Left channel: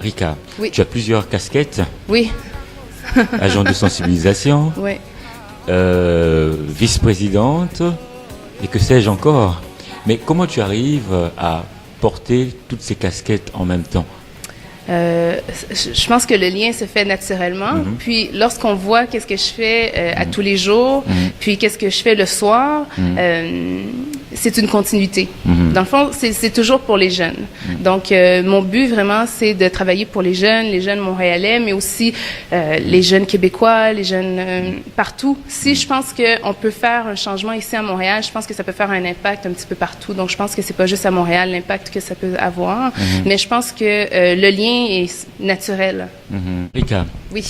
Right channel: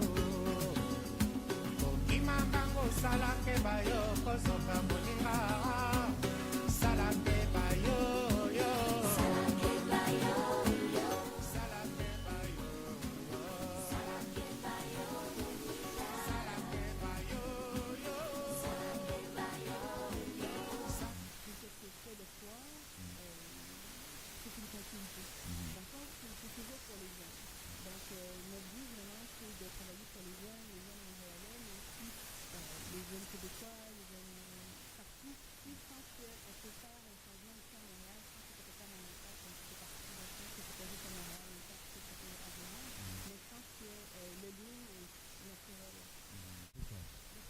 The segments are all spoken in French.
Rika, Oui. tu as plusieurs casquettes, Oui. agent de sensibilisation, Oui. vice-présidente, et que sais-je encore. Mais comment tu arrives à porter toutes ces casquettes en même temps? Je pense que le lien se fait naturellement. Puis lorsqu'on voit qu'est-ce que je fais à tous les jours, puis qu'est-ce que je fais le soir, c'est une continuité. Dans le fond, c'est toujours pour les jeunes. Donc, mon but vraiment, c'est de travailler pour les jeunes montréalais, mais aussi les jeunes québécois, les jeunes partout. Si je pense qu'on peut faire un changement ici à Montréal, je pense que ça peut faire un impact un petit peu partout. Donc, je pense que c'est pas juste à Montréal l'impact que ça peut avoir, mais je pense que le lien est naturel. Rika, Oui.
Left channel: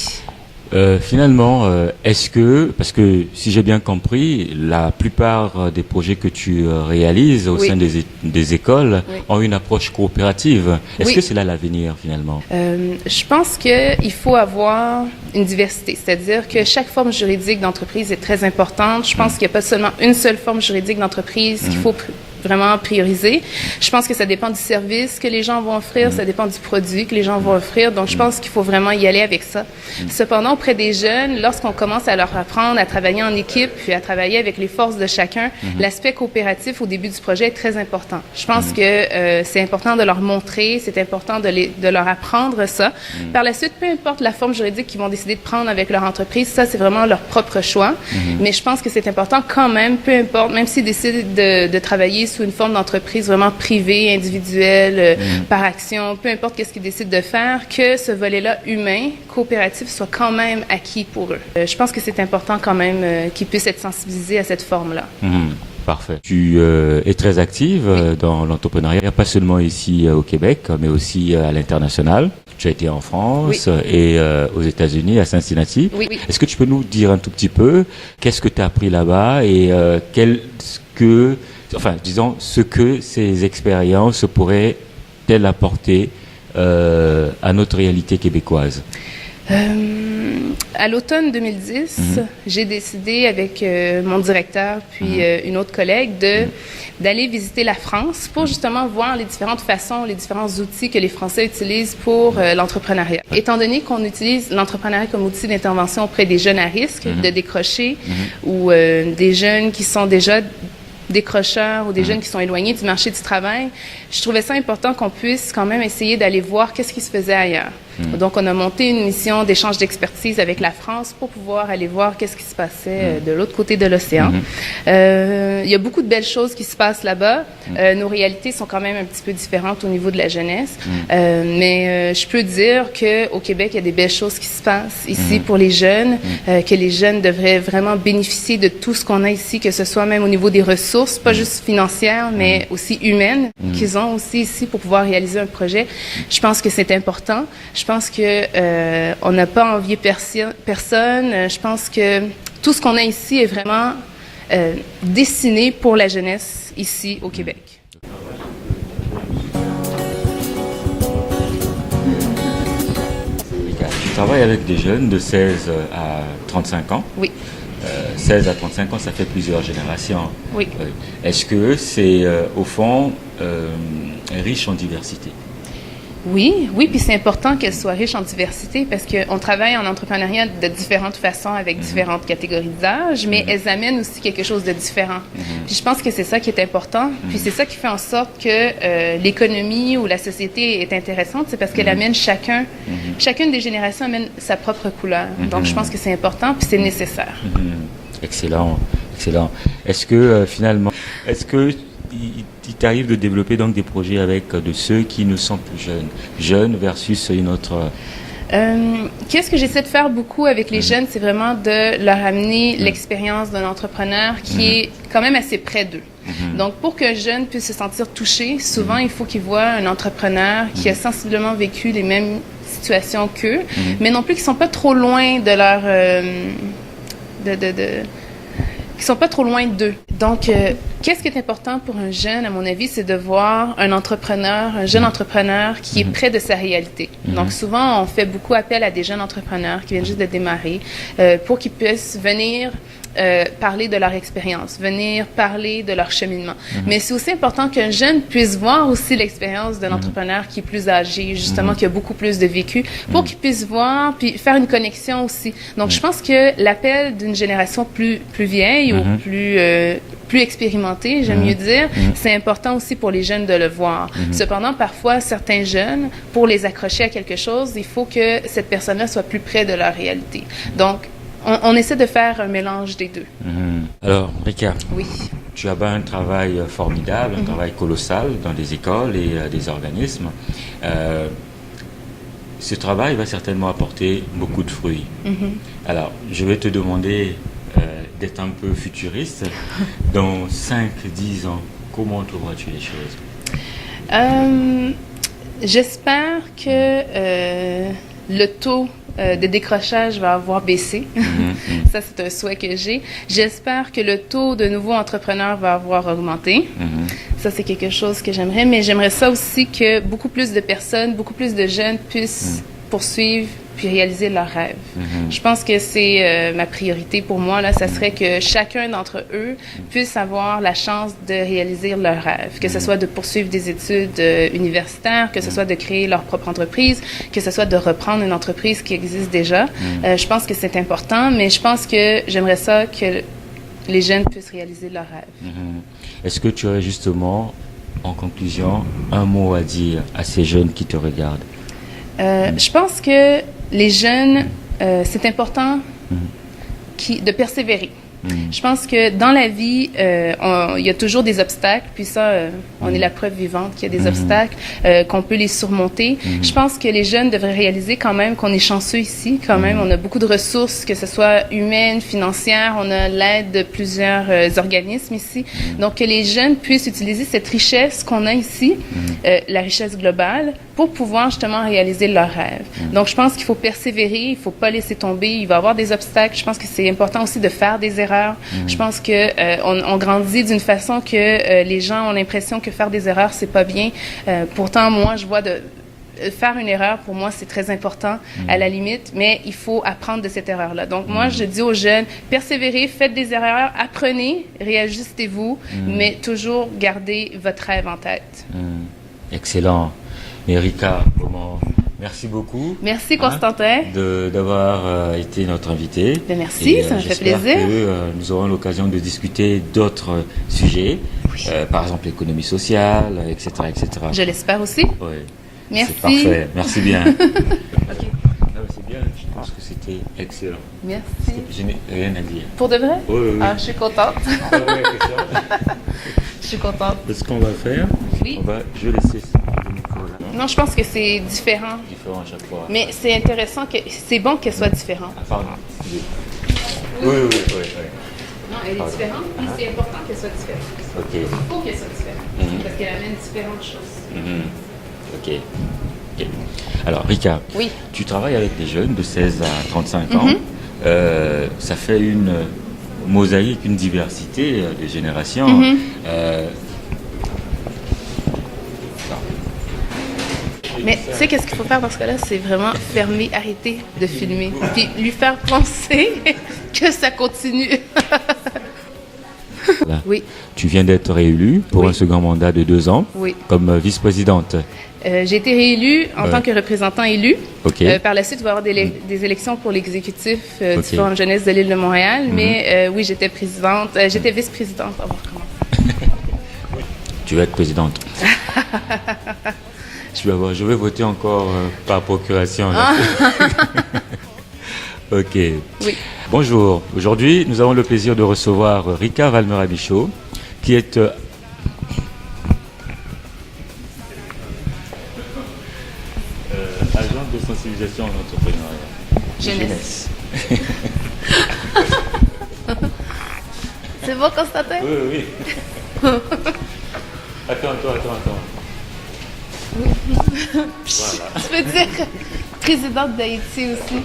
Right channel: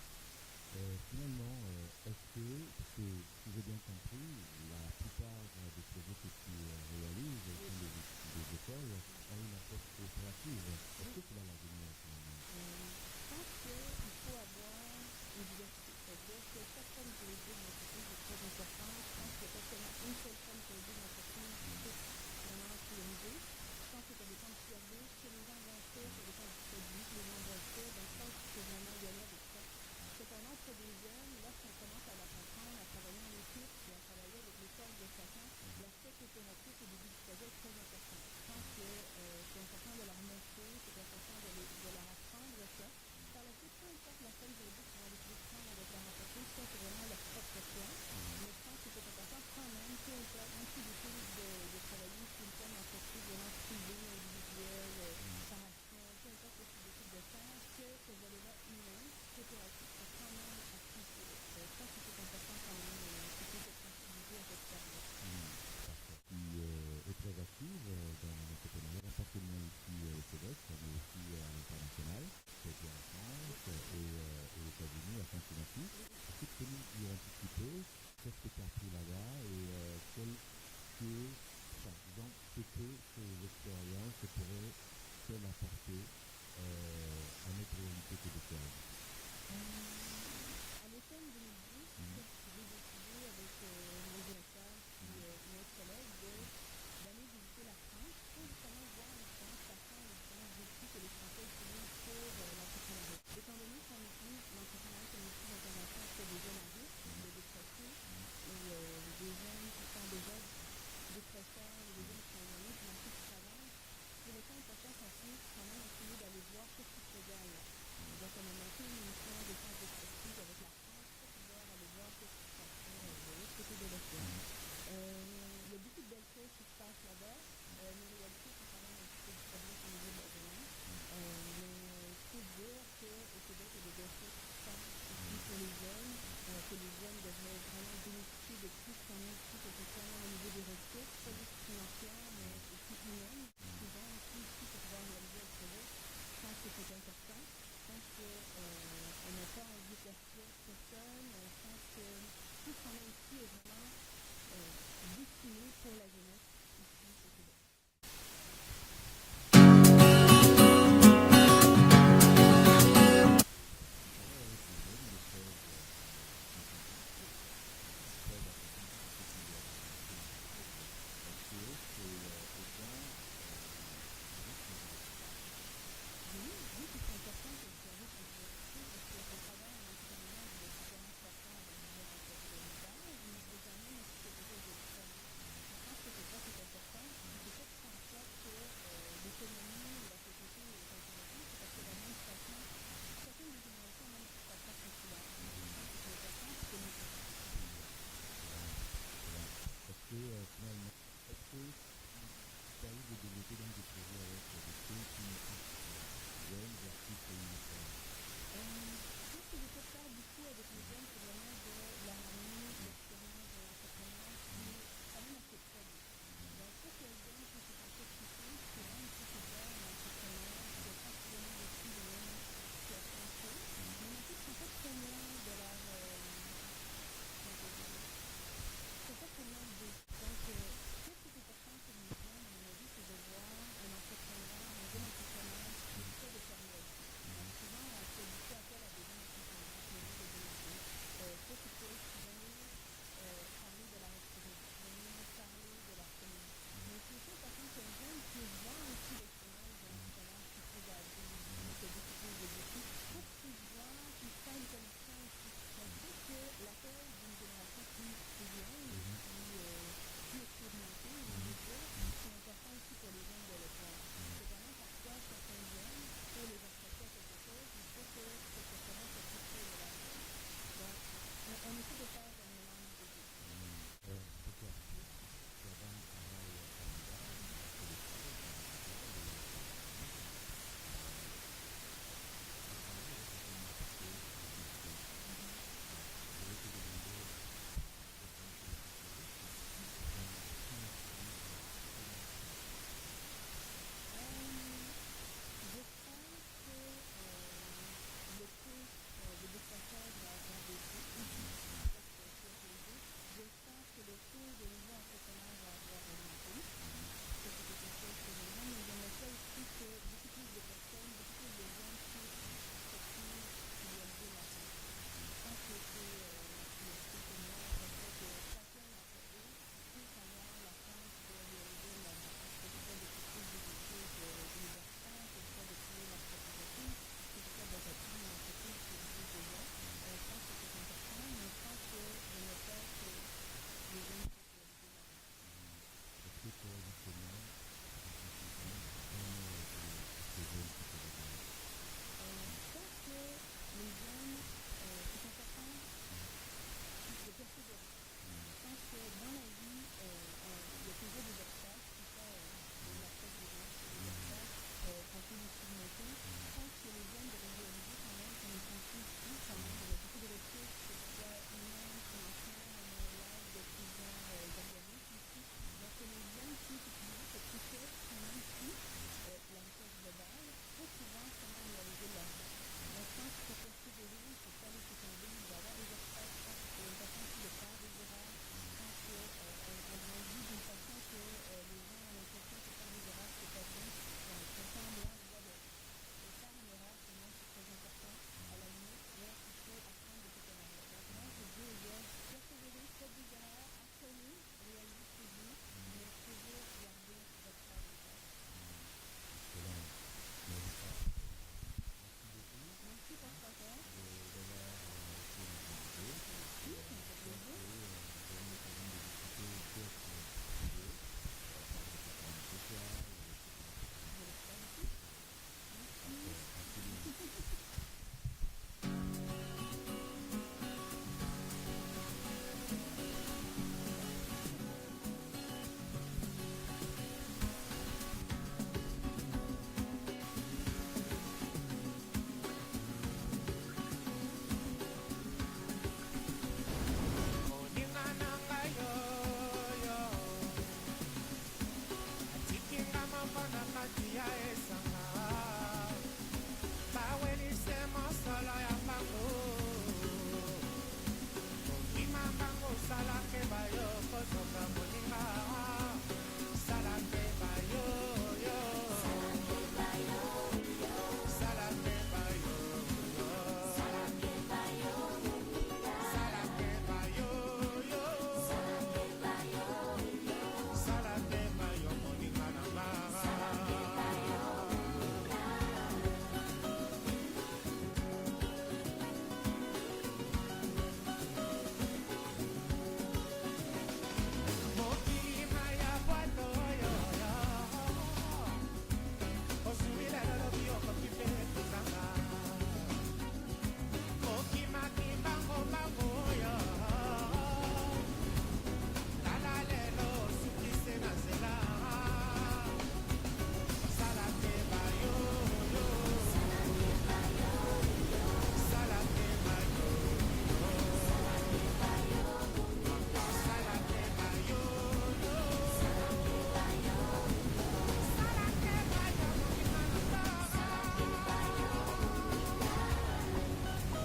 finalement, est-ce que, parce que si j'ai bien compris, la plupart des projets que tu réalises au Oui. sein des écoles Oui. ont une approche coopérative. Est-ce Oui. que c'est là l'avenir finalement? Je pense qu'il faut avoir une diversité, c'est-à-dire que chaque forme juridique d'entreprise est très importante. Je pense qu'il n'y a pas seulement une seule forme juridique d'entreprise qu'il faut vraiment prioriser. Je pense que ça dépend du service que les gens vont offrir, ça dépend du produit que les gens vont offrir. Donc, je pense qu'il faut vraiment y aller avec ça. Cependant, auprès des jeunes, lorsqu'on commence à leur apprendre à travailler en équipe, puis à travailler avec les forces de chacun, l'aspect coopératif au début du projet est très important. Je pense que c'est important de leur montrer, c'est important de leur apprendre ça. Par la suite, peu importe la forme juridique qu'ils vont décider de prendre avec leur entreprise, ça, c'est vraiment leur propre choix. Mais je pense que c'est important quand même, peu importe, même s'ils décident de travailler sous une forme d'entreprise vraiment privée, individuelle, par action, peu importe qu'est-ce qu'ils décident de faire, que ce volet-là humain, coopératif, soit quand même acquis pour eux. Je pense que c'est important quand même qu'ils puissent être sensibilisés à cette forme-là. Parfait. Tu es très active dans l'entrepreneuriat, pas seulement ici au Québec, mais aussi à l'international. Tu as été en France et aux États-Unis, à Cincinnati. Oui. Est-ce que tu peux nous dire un tout petit peu qu'est-ce que tu as appris là-bas et ce que ces expériences pourraient-elles apporter à notre réalité québécoise? À l'automne 2010, j'ai décidé avec mon directeur puis une autre collègue d'aller visiter la France pour justement voir les différentes façons, les différents outils que les Français utilisent pour l'entrepreneuriat. Étant donné qu'on utilise l'entrepreneuriat comme outil d'intervention auprès des jeunes à risque de décrocher ou des jeunes qui sont déjà décrocheurs ou des jeunes qui sont éloignés du marché du travail, je trouvais ça important qu'on puisse quand même essayer d'aller voir qu'est-ce qui se faisait ailleurs. Donc, on a monté une mission d'échange d'expertise avec la France pour pouvoir aller voir qu'est-ce qui se passait de l'autre côté de l'océan. Il y a beaucoup de belles choses qui se passent là-bas. Nos réalités sont quand même un petit peu différentes au niveau de la jeunesse. Mais je peux dire qu'au Québec, il y a des belles choses qui se passent ici pour les jeunes, que les jeunes devraient vraiment bénéficier de tout ce qu'on a ici, que ce soit même au niveau des ressources, pas juste financières, mais aussi humaines, qu'ils ont aussi ici pour pouvoir réaliser un projet. Je pense que c'est important. Je pense que on n'a pas envié personne. Je pense que tout ce qu'on a ici est vraiment destiné pour la jeunesse ici au Québec. Tu travailles avec des jeunes de 16 à 35 ans. Oui. 16 à 35 ans, ça fait plusieurs générations. Oui. Est-ce que c'est, au fond, riche en diversité? Oui, puis c'est important qu'elle soit riche en diversité parce qu'on travaille en entrepreneuriat de différentes façons avec différentes catégories d'âge, mais elles amènent aussi quelque chose de différent. Puis je pense que c'est ça qui est important, puis c'est ça qui fait en sorte que l'économie ou la société est intéressante, c'est parce qu'elle amène chacune des générations amène sa propre couleur. Donc je pense que c'est important, puis c'est nécessaire. Excellent. Est-ce que il t'arrive de développer donc des projets avec de ceux qui ne sont plus jeunes versus une autre... Qu'est-ce que j'essaie de faire beaucoup avec les jeunes, c'est vraiment de leur amener l'expérience d'un entrepreneur qui est quand même assez près d'eux. Donc, pour qu'un jeune puisse se sentir touché, souvent, il faut qu'il voit un entrepreneur qui a sensiblement vécu les mêmes situations qu'eux, mais non plus qui ne sont pas trop loin de leur... qui sont pas trop loin d'eux. Donc, qu'est-ce qui est important pour un jeune, à mon avis, c'est de voir un jeune entrepreneur qui est près de sa réalité. Donc, souvent, on fait beaucoup appel à des jeunes entrepreneurs qui viennent juste de démarrer pour qu'ils puissent venir parler de leur expérience, venir parler de leur cheminement. Mais c'est aussi important qu'un jeune puisse voir aussi l'expérience d'un entrepreneur qui est plus âgé, justement, qui a beaucoup plus de vécu, pour qu'il puisse voir, puis faire une connexion aussi. Donc, je pense que l'appel d'une génération plus vieille ou plus expérimentée, j'aime mieux dire, c'est important aussi pour les jeunes de le voir. Cependant, parfois, certains jeunes, pour les accrocher à quelque chose, il faut que cette personne-là soit plus près de leur réalité. Donc, on essaie de faire un mélange des deux. Alors, Rika, oui. Tu as un travail formidable, un travail colossal dans des écoles et des organismes. Ce travail va certainement apporter beaucoup de fruits. Alors, je vais te demander d'être un peu futuriste. Dans 5-10 ans, comment trouveras-tu les choses? J'espère que le taux de décrochage va avoir baissé. Ça, c'est un souhait que j'ai. J'espère que le taux de nouveaux entrepreneurs va avoir augmenté. Ça, c'est quelque chose que j'aimerais. Mais j'aimerais ça aussi que beaucoup plus de personnes, beaucoup plus de jeunes puissent poursuivre puis réaliser leurs rêves. Je pense que c'est ma priorité pour moi. Là, ça serait que chacun d'entre eux puisse avoir la chance de réaliser leurs rêves, que ce soit de poursuivre des études universitaires, que ce soit de créer leur propre entreprise, que ce soit de reprendre une entreprise qui existe déjà. Je pense que c'est important, mais je pense que j'aimerais ça que les jeunes puissent réaliser leurs rêves. Est-ce que tu aurais justement, en conclusion, un mot à dire à ces jeunes qui te regardent? Je pense que les jeunes, c'est important de persévérer. Je pense que dans la vie, il y a toujours des obstacles, puis ça, on est la preuve vivante qu'il y a des obstacles, qu'on peut les surmonter. Je pense que les jeunes devraient réaliser quand même qu'on est chanceux ici, quand même. On a beaucoup de ressources, que ce soit humaines, financières, on a l'aide de plusieurs organismes ici. Donc, que les jeunes puissent utiliser cette richesse qu'on a ici, la richesse globale, pour pouvoir justement réaliser leurs rêves. Donc, je pense qu'il faut persévérer, il ne faut pas laisser tomber, il va y avoir des obstacles. Je pense que c'est important aussi de faire des erreurs. Je pense qu'on grandit d'une façon que les gens ont l'impression que faire des erreurs, c'est pas bien. Pourtant, moi, je vois faire une erreur, pour moi, c'est très important, à la limite, mais il faut apprendre de cette erreur-là. Donc, moi, je dis aux jeunes, persévérez, faites des erreurs, apprenez, réajustez-vous, mais toujours gardez votre rêve en tête. Excellent. Rika, merci beaucoup. Merci, Constantin. D'avoir été notre invité. Merci, ça me fait plaisir. J'espère que nous aurons l'occasion de discuter d'autres sujets, par exemple l'économie sociale, etc., etc. Je l'espère aussi. Oui. Merci. C'est parfait. Merci bien. C'est bien. Je pense que c'était excellent. Merci. Je n'ai rien à dire. Pour de vrai? Oui. Ah, je suis contente. Je suis contente. Ce qu'on va faire, je vais laisser le micro là. Non, je pense que c'est différent. Différent à chaque fois. Mais c'est intéressant, c'est bon qu'elle soit différente. Ah, pardon. Oui. Non, elle est différente, puis c'est important qu'elle soit différente. Ok. Il faut qu'elle soit différente, parce qu'elle amène différentes choses. Ok. Alors, Rika, tu travailles avec des jeunes de 16 à 35 ans. Ça fait une mosaïque, une diversité de générations. Mais tu sais, qu'est-ce qu'il faut faire dans ce cas-là? C'est vraiment fermer, arrêter de filmer, puis lui faire penser que ça continue. Oui. Tu viens d'être réélue pour un second mandat de 2 ans comme vice-présidente. J'ai été réélue en tant que représentant élu. Par la suite, il va y avoir des élections pour l'exécutif du Forum jeunesse de l'île de Montréal. Mais oui, j'étais présidente, j'étais vice-présidente. Tu vas être présidente. Je vais voter encore par procuration. Ok. Oui. Bonjour. Aujourd'hui, nous avons le plaisir de recevoir Rika Valmera-Michaud, qui est agent de sensibilisation en entrepreneuriat. Jeunesse. C'est bon, Constantin? Oui. Attends. Oui. Voilà. Tu peux dire présidente d'Haïti aussi.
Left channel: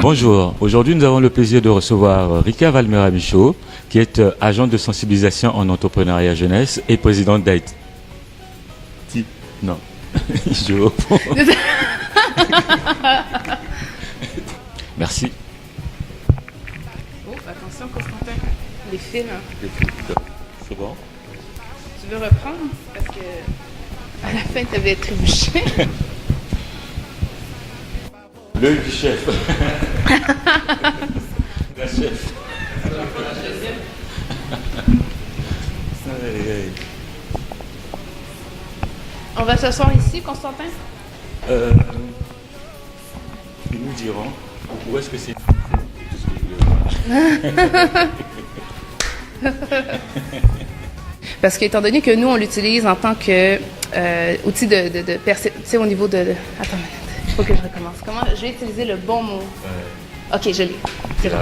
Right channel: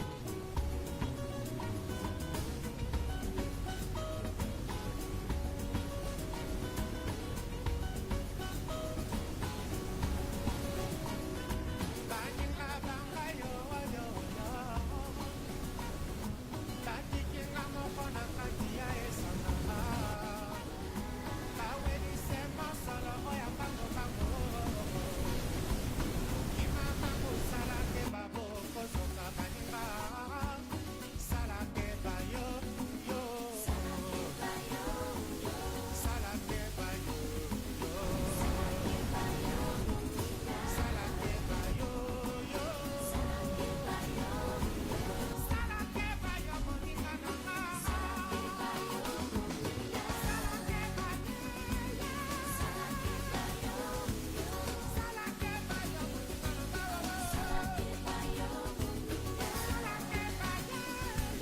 Bonjour, aujourd'hui nous avons le plaisir de recevoir Rika Valmera-Michaud, qui est agente de sensibilisation en entrepreneuriat jeunesse et présidente d'AIT. Non, je reprends. Merci. Oh, attention, Constantin. Les fils, hein. C'est bon? Tu veux reprendre? Parce que à la fin, tu avais trébuché. L'œil du chef. La chef. On va s'asseoir ici, Constantin? Ils nous diront où est-ce que c'est. Parce qu'étant donné que nous, on l'utilise en tant que outil de perception au niveau de... Attends, il faut que je recommence. Comment je vais utiliser le bon mot? Ok, je l'ai. C'est bon.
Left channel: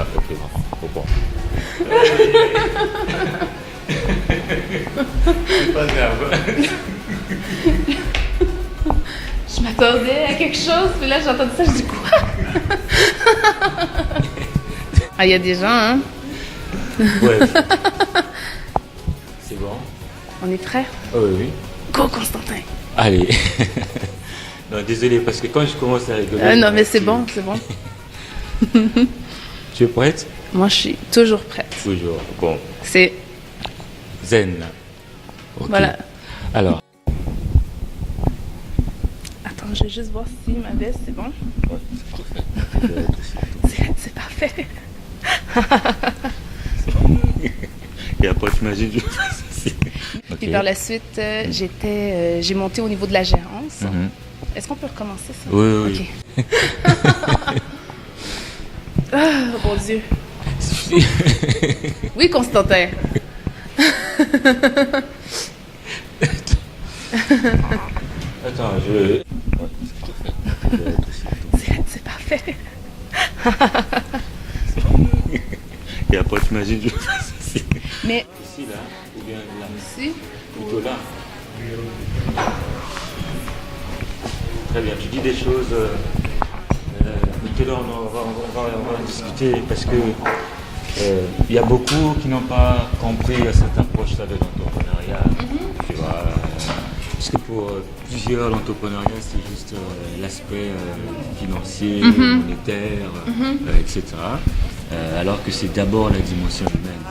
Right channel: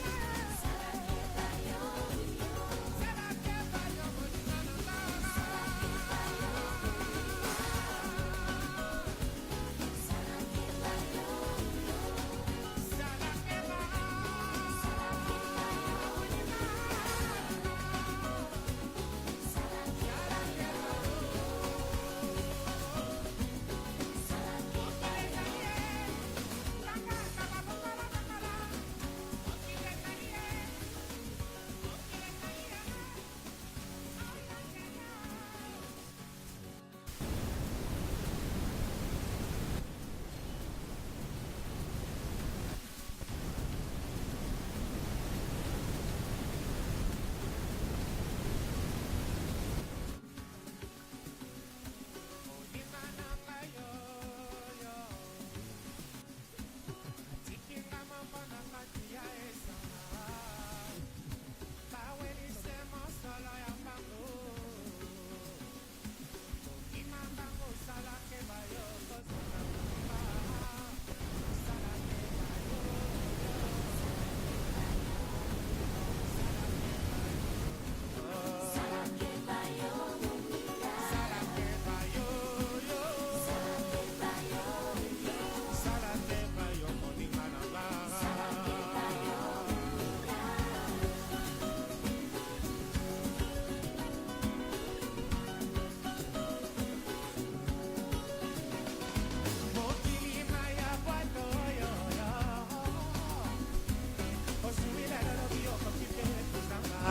Ok, bon. C'est pas grave. Je m'attendais à quelque chose, puis là, j'ai entendu ça, je dis quoi? Ah, il y a des gens, hein? Ouais. C'est bon? On est prêts? Oh, oui. Go, Constantin! Allez. Non, désolé, parce que quand je commence à rigoler... Ah non, mais c'est bon, c'est bon. Tu es prête? Moi, je suis toujours prête. Toujours. Bon. C'est... Zen. Ok. Voilà. Alors. Attends, je vais juste voir si ma veste, c'est bon? C'est parfait. Et après, tu imagines, je fais ceci. Puis par la suite, j'ai monté au niveau de la gérance. Mhm. Est-ce qu'on peut recommencer ça? Oui. Ok. Ah, mon Dieu. Oui, Constantin. Attends, je... C'est parfait. Et après, tu imagines, je fais ceci. Mais Ici, là. Il vient là. ici, Plutôt là. Très bien, tu dis des choses. Maintenant, on va discuter parce que il y a beaucoup qui n'ont pas compris cette approche-là de l'entrepreneuriat. Tu vois, parce que pour plusieurs, l'entrepreneuriat, c'est juste l'aspect financier, monétaire, etc. Alors que c'est d'abord la dimension humaine.